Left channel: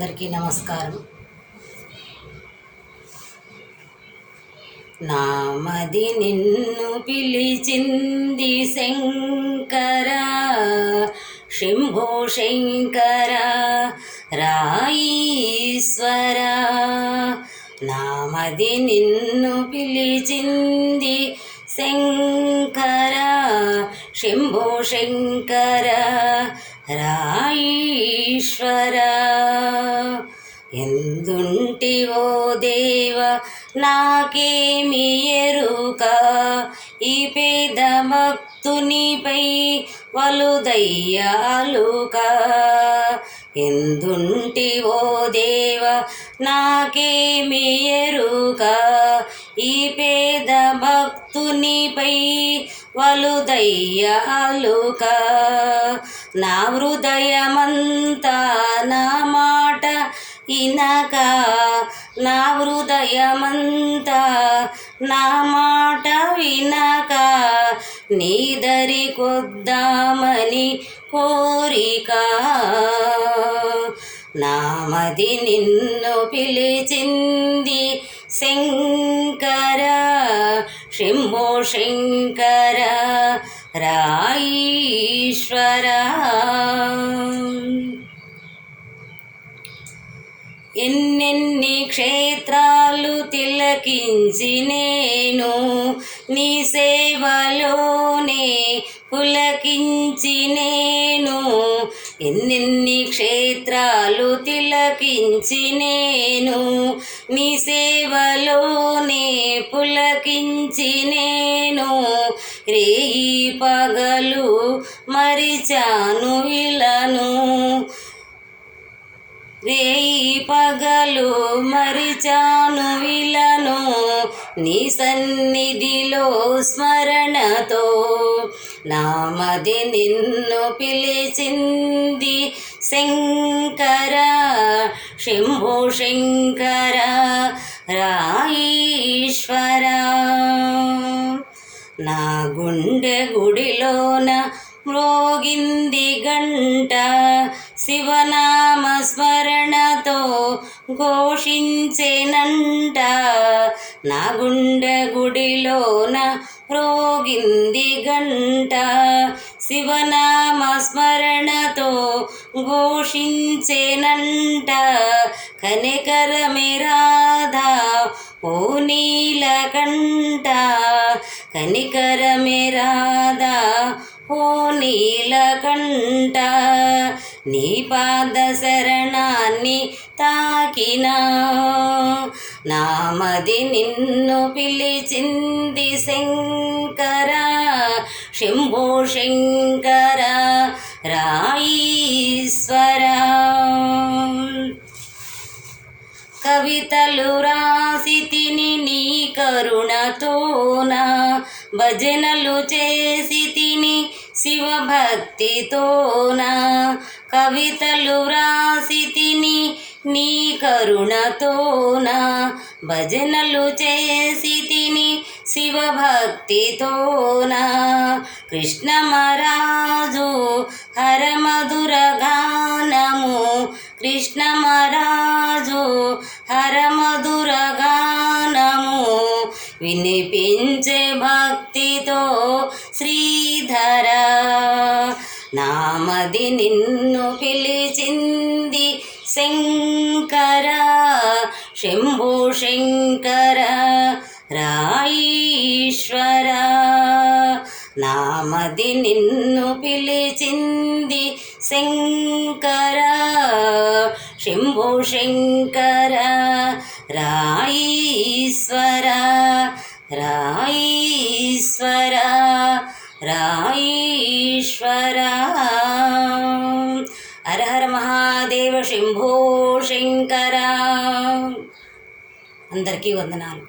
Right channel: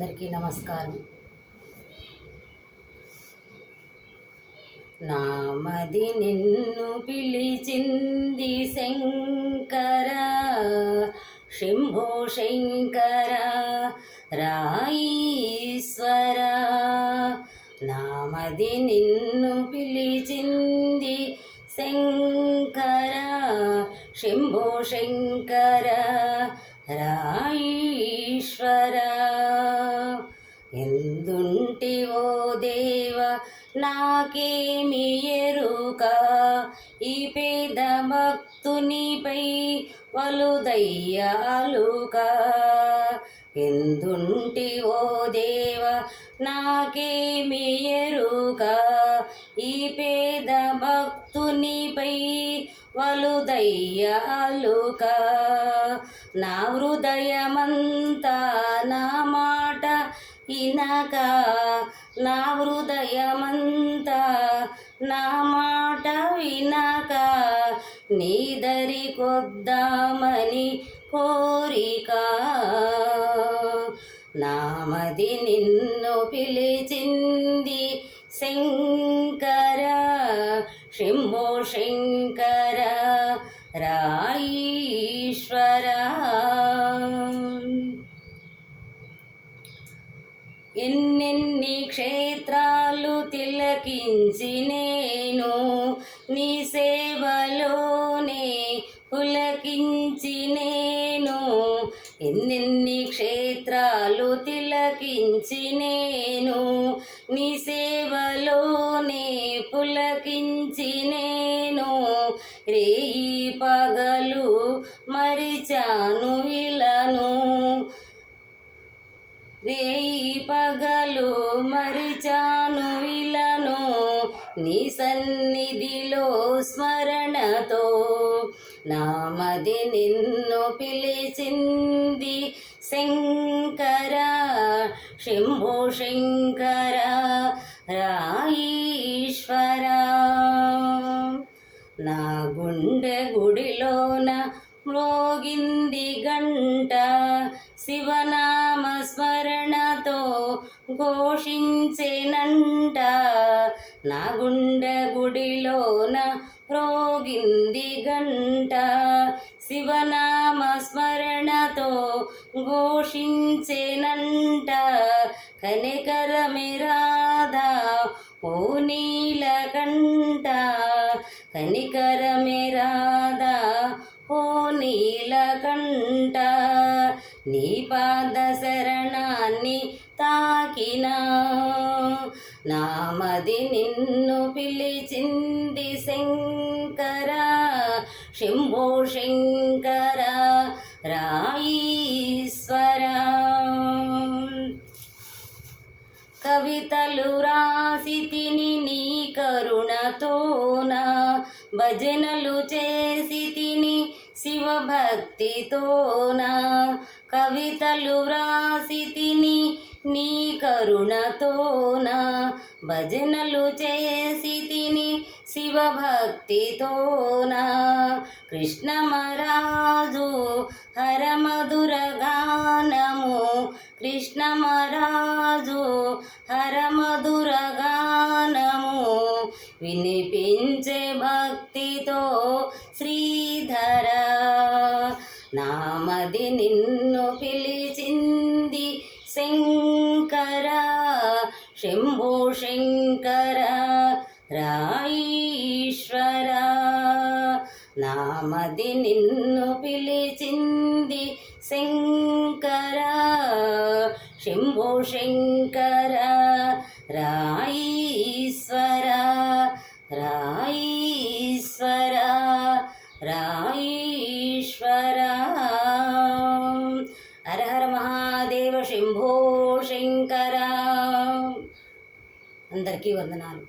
అందరికీ నమస్కారం. నామది నిన్ను పిలిచింది శంకర, శంభో శంకర రాయీశ్వర. నామది నిన్ను పిలిచింది శంకర, శంభో శంకర రాయీశ్వర. ఎందుంటివో దేవ నాకేమి ఎరుక, ఈ పేద భక్తునిపై వలుదయ్యాలుక. ఎందుంటివో దేవ నాకేమి ఎరుక, ఈ పేద భక్తునిపై వలుదయ్యాలుక. నా హృదయమంతా నా మాట ఇనక, నా హృదయమంతా నా మాట వినక, నీదరి కొద్దామని కోరిక. నామది నిన్ను పిలిచింది శంకర, శంభో శంకర రాయీశ్వర. ఎన్నెన్ని క్షేత్రాలు తిలకించి నేను నీ సేవలోనే పులకించి నేను. ఎన్నెన్ని క్షేత్రాలు తిలకించి నేను నీ సేవలోనే పులకించి నేను. రేయి పగలు మరిచాను ఇలను, రేయి పగలు మరిచాను విలను, నీ సన్నిధిలో స్మరణతో. నామది నిన్ను పిలిచింది శంకర, శంభో శంకర రాయీశ్వర. నా గుండె గుడిలోన మ్రోగింది గంట, శివనామ స్మరణతో ఘోషించేనంట. నా గుండె గుడిలోన మ్రోగింది గంట, శివనామ స్మరణతో ఘోషించేనంట. కనికరమే రాధా ఓ నీలకంఠ, కనికరమే రాధా ఓ నీలకంఠ. నీ పాద శరణాన్ని తాకినా, నామది నిన్ను పిలిచింది శంకర, శంభో శంకర రాయీశ్వర. కవితలు రాసి తిని నీ కరుణతోన, భజనలు చేసి తిని శివభక్తితోన. కవితలు రాసి తిని నీ కరుణతోన, భజనలు చేసి తిని శివభక్తితోన. కృష్ణమరాజు హరమధుర గానము, కృష్ణమరాజు హరమధుర గానము, వినిపించే భక్తితో శ్రీధర. నామది నిన్ను పిలిచింది శంకర, శంభో శంకర రాయీశ్వర. నామది నిన్ను పిలిచింది శంకర, శంభో శంకర రాయీశ్వర, రాయీశ్వర రాయీశ్వర. హర హర మహాదేవ శంభో శంకర. అందరికీ వందనాలు.